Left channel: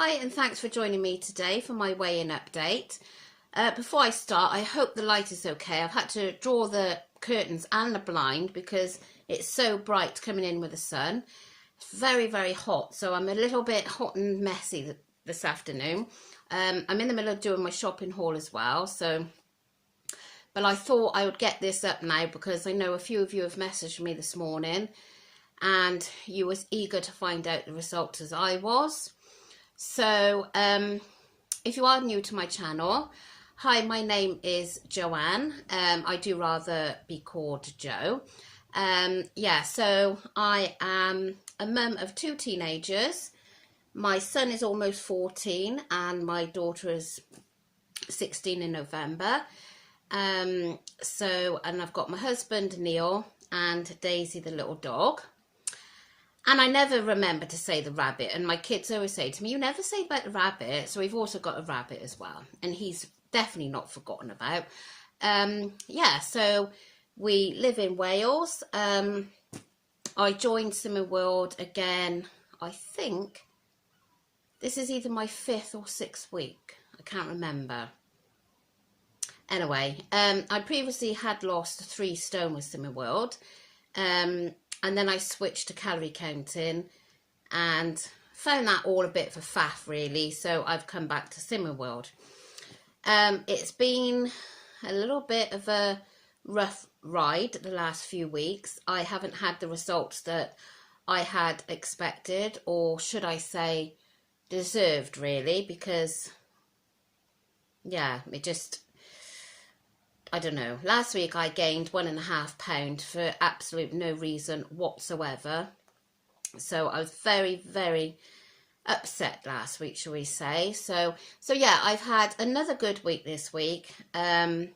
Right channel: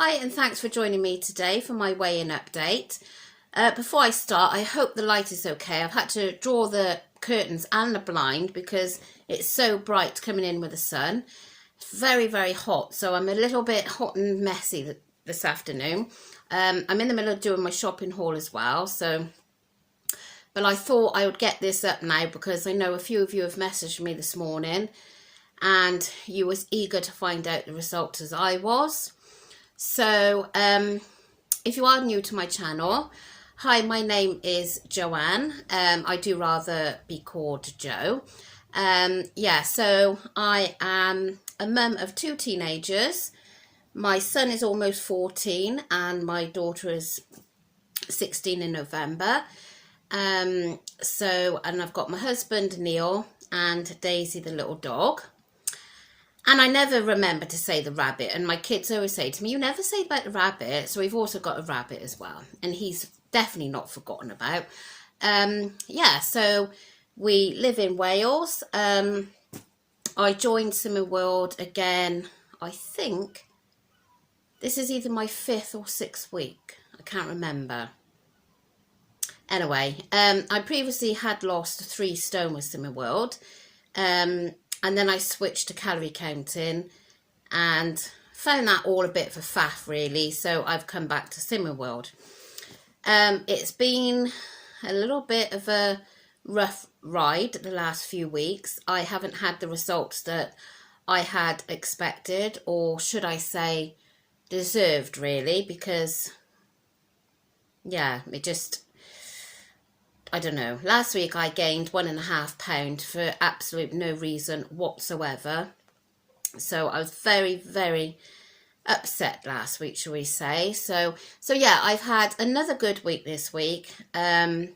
Hi and thanks for joining me today for my weigh-in update. Before I start, I hope the light is okay. I've had to draw the curtains and the blind because it's so bright coming in with the sun. It's very, very hot, so I'm a little bit hot and messy this afternoon. I'm in the middle of doing my shopping haul as well, but I thought I would get this up now because I know a few of you have messaged me this morning and you was eager to find out the results as I was. So if you are new to my channel, hi, my name is Joanne. I do rather be called Jo. So I am a mum of two teenagers. My son is almost 14 and my daughter is 16 in November. And I've got my husband Neil and Daisy the little dog. And I never remember to say the rabbit, and my kids always say to me, you never say about the rabbit. So we've also got a rabbit as well, and he's definitely not forgotten about. So we live in Wales. I joined Slimming World again, I think this is either my 5th or 6th week. I can't remember. Anyway, I previously had lost 3 stone with Slimming World. And then I switched to calorie counting and found that all a bit of a faff really, so I've come back to Slimming World. It's been a little bit of a rough ride the last few weeks. I haven't had the results that I had expected, or should I say deserved really, because I don't know. Last week I gained 1.5 pounds for absolute no reason whatsoever. So I was very, very upset last week, shall we say. So yeah, I've had another good week this week. Haven't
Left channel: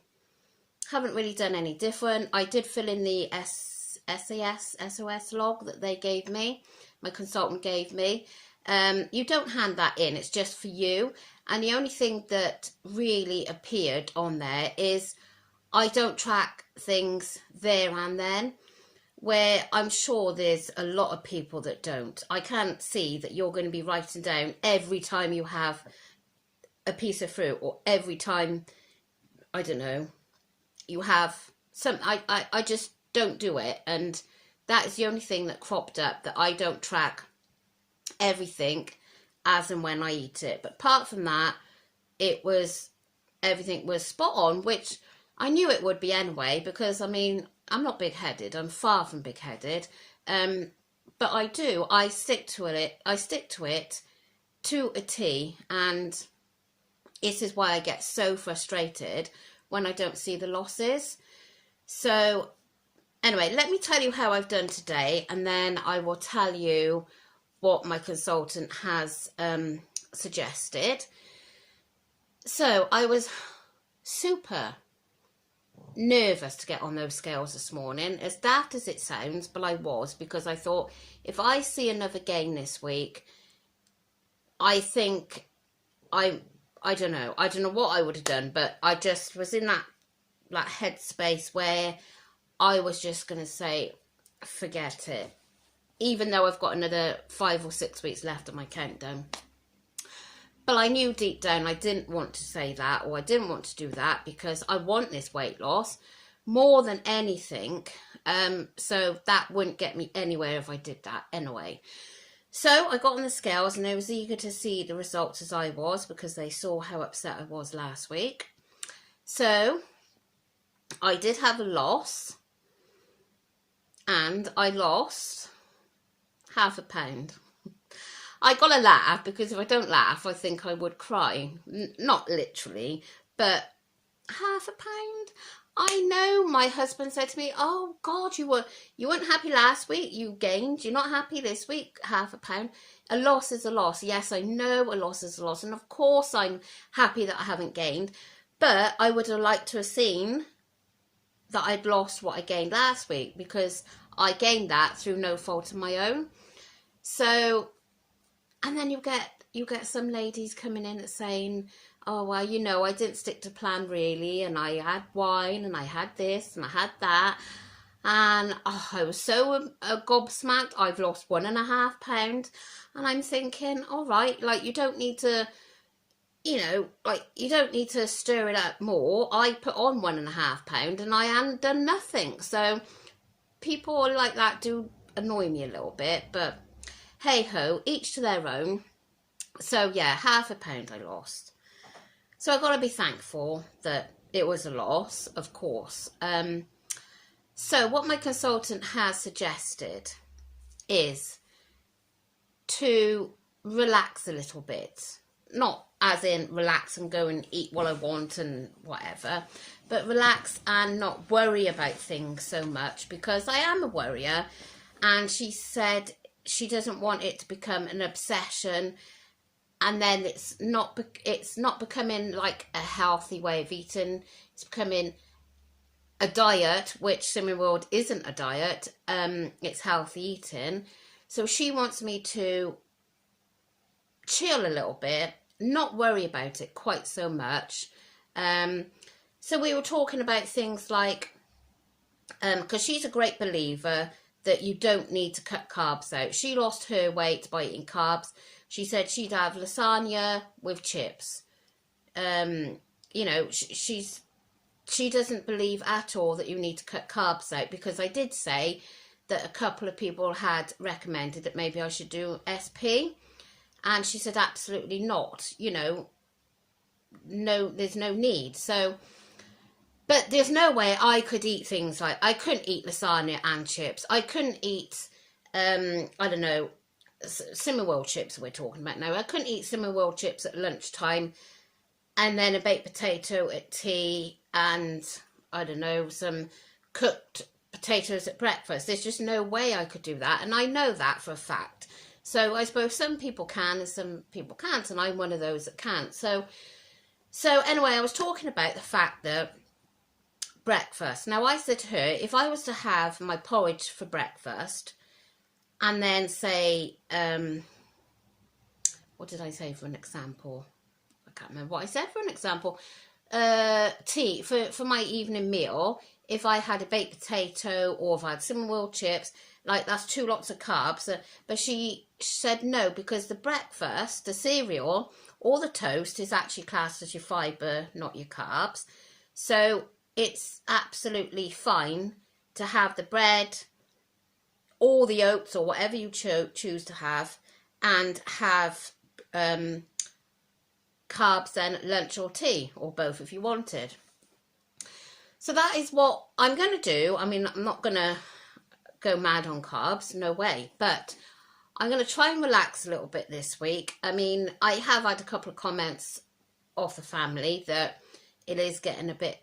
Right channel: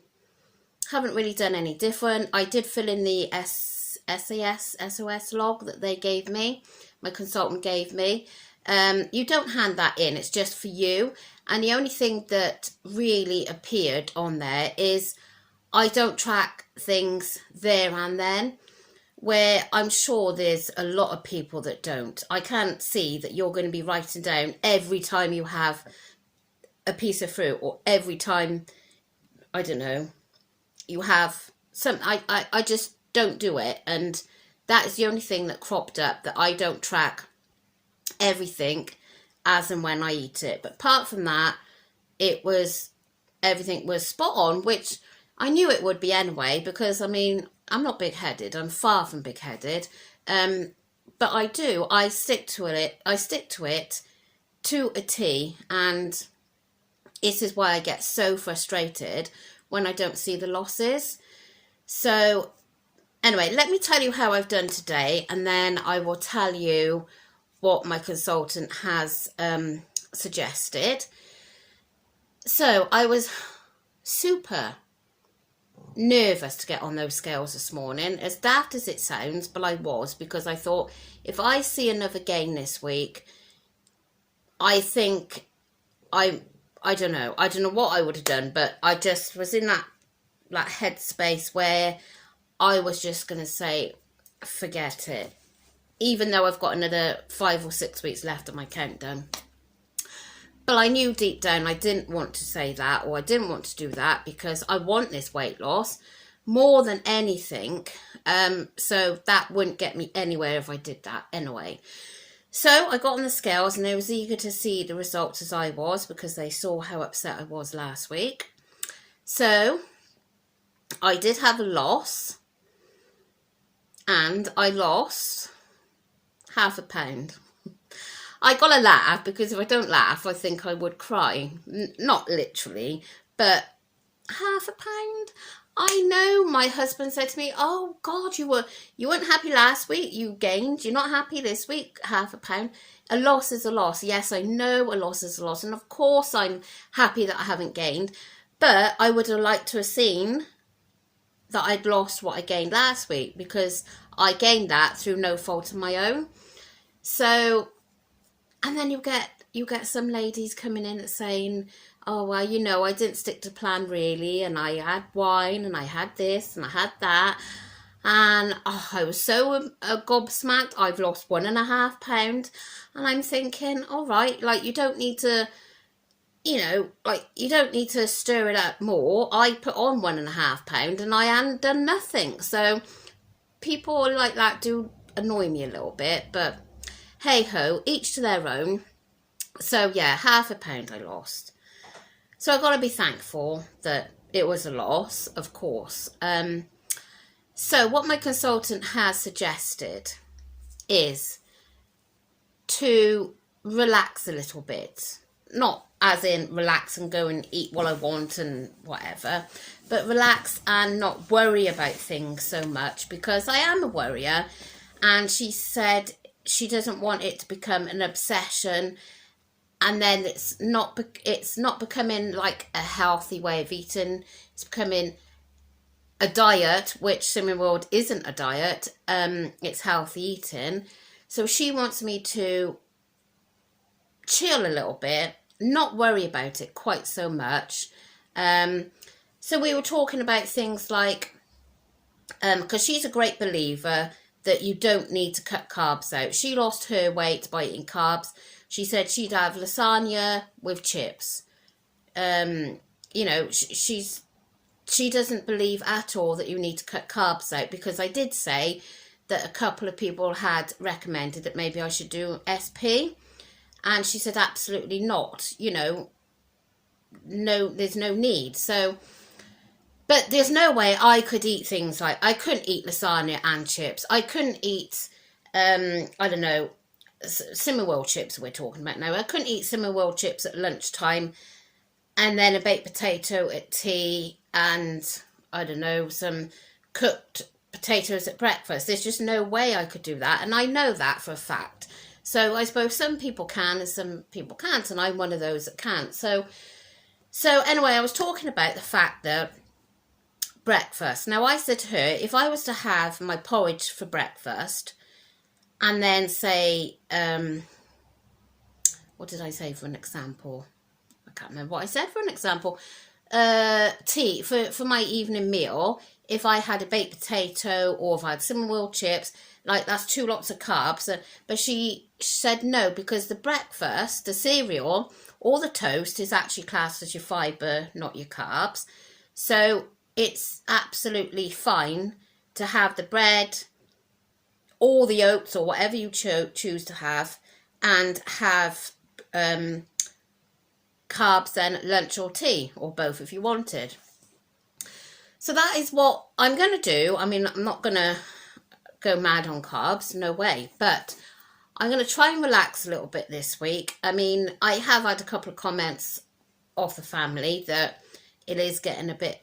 really done any different. I did fill in the SOS log that they gave me, my consultant gave me. You don't hand that in, it's just for you. And the only thing that really appeared on there is I don't track things there and then, where I'm sure there's a lot of people that don't. I can't see that you're going to be writing down every time you have a piece of fruit, or every time, I don't know, you have some. I just don't do it, and that is the only thing that cropped up, that I don't track everything as and when I eat it. But apart from that, everything was spot on, which I knew it would be anyway, because I mean, I'm not big-headed. I'm far from big-headed. But I stick to it to a T, and this is why I get so frustrated when I don't see the losses. So anyway, let me tell you how I've done today, and then I will tell you what my consultant has suggested. So I was super nervous to get on those scales this morning, as daft as it sounds, but I was, because I thought, if I see another gain this week, I think I don't know what I would have done, but I just was in that headspace where I was just going to say, forget it, even though I've got another 5 or 6 weeks left on my countdown. But I knew deep down I didn't want to say that, or I didn't want to do that, because I want this weight loss more than anything. So that wouldn't get me anywhere if I did that anyway. So I got on the scales, and they was eager to see the results as I was, because they saw how upset I was last week. So I did have a loss, and I lost £0.5 pound. I gotta laugh, because if I don't laugh, I think I would cry. Not literally, but £0.5 pound. I know my husband said to me, oh God, you weren't happy last week, you gained, you're not happy this week, £0.5 pound. A loss is a loss. Yes, I know a loss is a loss, and of course I'm happy that I haven't gained, but I would have liked to have seen that I'd lost what I gained last week, because I gained that through no fault of my own. So, and then you get some ladies coming in and saying, oh, well, you know, I didn't stick to plan really, and I had wine, and I had this, and I had that. And oh, I was so gobsmacked. I've lost 1.5 pounds, and I'm thinking, all right, like you don't need to, like you don't need to stir it up more. I put on 1.5 pounds, and I hadn't done nothing. So people like that do annoy me a little bit, but hey ho, each to their own. So yeah, 0.5 pound I lost. So I've got to be thankful that it was a loss, of course. So what my consultant has suggested is to relax a little bit. Not as in relax and go and eat what I want and whatever, but relax and not worry about things so much, because I am a worrier. And she said she doesn't want it to become an obsession, and then it's not becoming like a healthy way of eating. It's becoming a diet, which Slimming World isn't a diet. It's healthy eating. So she wants me to chill a little bit, not worry about it quite so much. So we were talking about things like, because she's a great believer that you don't need to cut carbs out. She lost her weight by eating carbs. She said she'd have lasagna with chips. She doesn't believe at all that you need to cut carbs out, because I did say that a couple of people had recommended that maybe I should do SP, and she said absolutely not. No, there's no need. So, but there's no way I could eat things like, I couldn't eat lasagna and chips. I couldn't eat, I don't know, Slimming World chips we're talking about now. I couldn't eat Slimming World chips at lunchtime and then a baked potato at tea and, I don't know, some cooked potatoes at breakfast. There's just no way I could do that, and I know that for a fact. So I suppose some people can and some people can't, and I'm one of those that can't. So anyway, I was talking about the fact that breakfast. Now, I said to her, if I was to have my porridge for breakfast and then say, what did I say for an example? I can't remember what I said for an example. Tea, for my evening meal, if I had a baked potato or if I had Slimming World chips, like that's 2 lots of carbs. But she said no, because the breakfast, the cereal, or the toast is actually classed as your fibre, not your carbs. So it's absolutely fine to have the bread or the oats or whatever you choose to have, and have carbs then at lunch or tea, or both if you wanted. So that is what I'm going to do. I mean, I'm not going to go mad on carbs, no way, but I'm going to try and relax a little bit this week. I mean, I have had a couple of comments of the family that it is getting a bit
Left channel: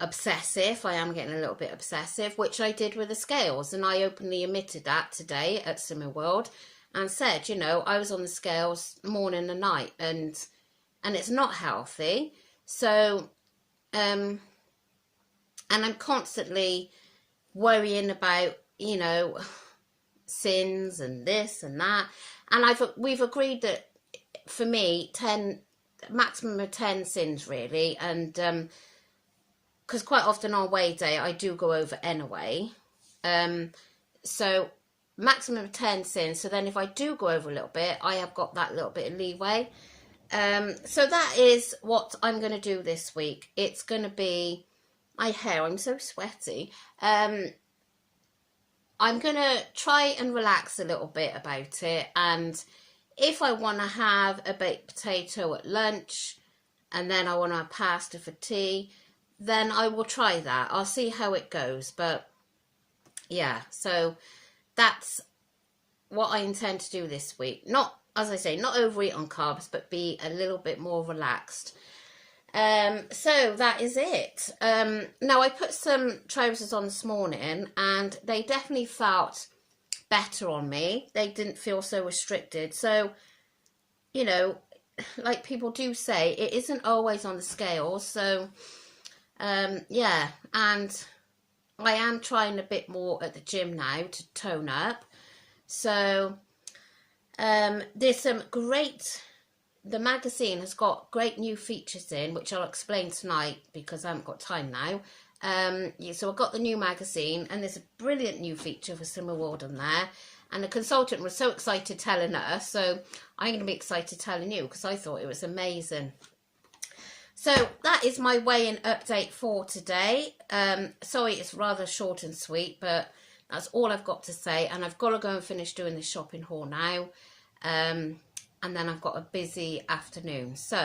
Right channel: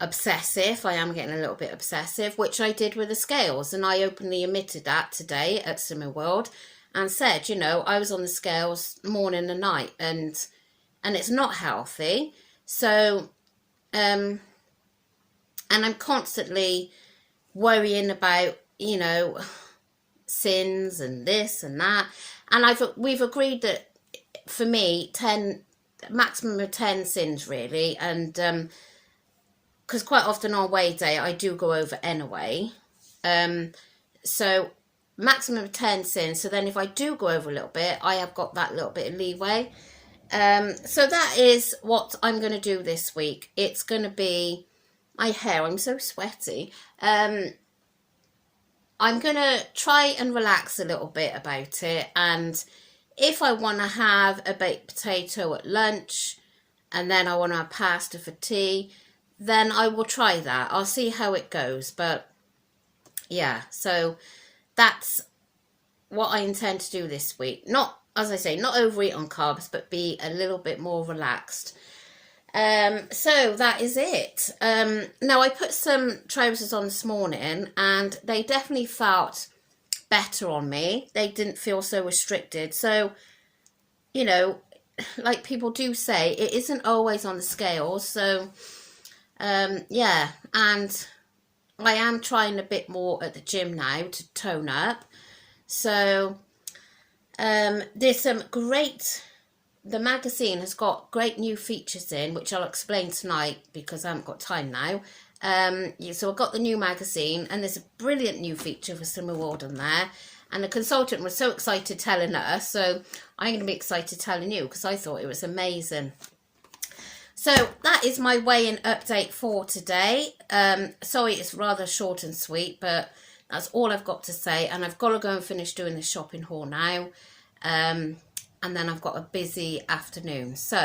obsessive. I am getting a little bit obsessive, which I did with the scales, and I openly admitted that today at Slimming World and said, I was on the scales morning and night, and it's not healthy. So and I'm constantly worrying about sins and this and that, and we've agreed that for me maximum of 10 sins really, and because quite often on weigh day I do go over anyway, so maximum of 10 sins. So then if I do go over a little bit, I have got that little bit of leeway. So that is what I'm going to do this week. It's going to be my hair. I'm so sweaty. I'm going to try and relax a little bit about it, and if I want to have a baked potato at lunch and then I want to have pasta for tea, then I will try that. I'll see how it goes. But yeah, so that's what I intend to do this week. Not, as I say, not overeat on carbs, but be a little bit more relaxed. So that is it. Now, I put some trousers on this morning and they definitely felt better on me. They didn't feel so restricted. So, like people do say, it isn't always on the scales. So, yeah, and I am trying a bit more at the gym now to tone up. So, there's some great... The magazine has got great new features in, which I'll explain tonight because I haven't got time now. So I got the new magazine, and there's a brilliant new feature for Summer Warden there, and the consultant was so excited telling her, so I'm going to be excited telling you because I thought it was amazing. So that is my weigh-in update for today. Sorry it's rather short and sweet, but that's all I've got to say, and I've got to go and finish doing the shopping haul now, and then I've got a busy afternoon. So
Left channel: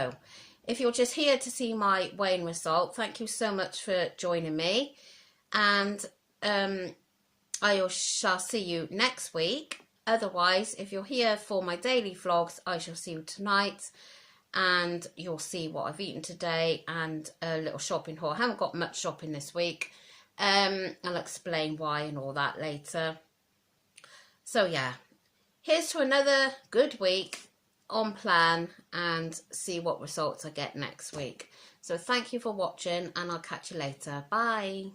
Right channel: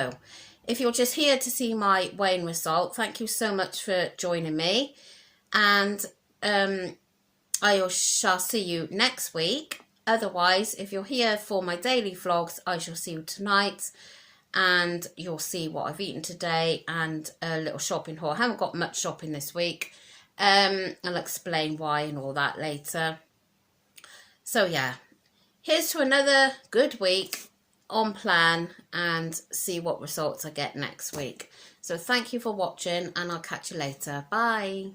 if you're just here to see my weighing result, thank you so much for joining me, and I shall see you next week. Otherwise, if you're here for my daily vlogs, I shall see you tonight, and you'll see what I've eaten today and a little shopping haul. I haven't got much shopping this week. I'll explain why and all that later. So yeah, here's to another good week on plan, and see what results I get next week. So thank you for watching, and I'll catch you later. Bye.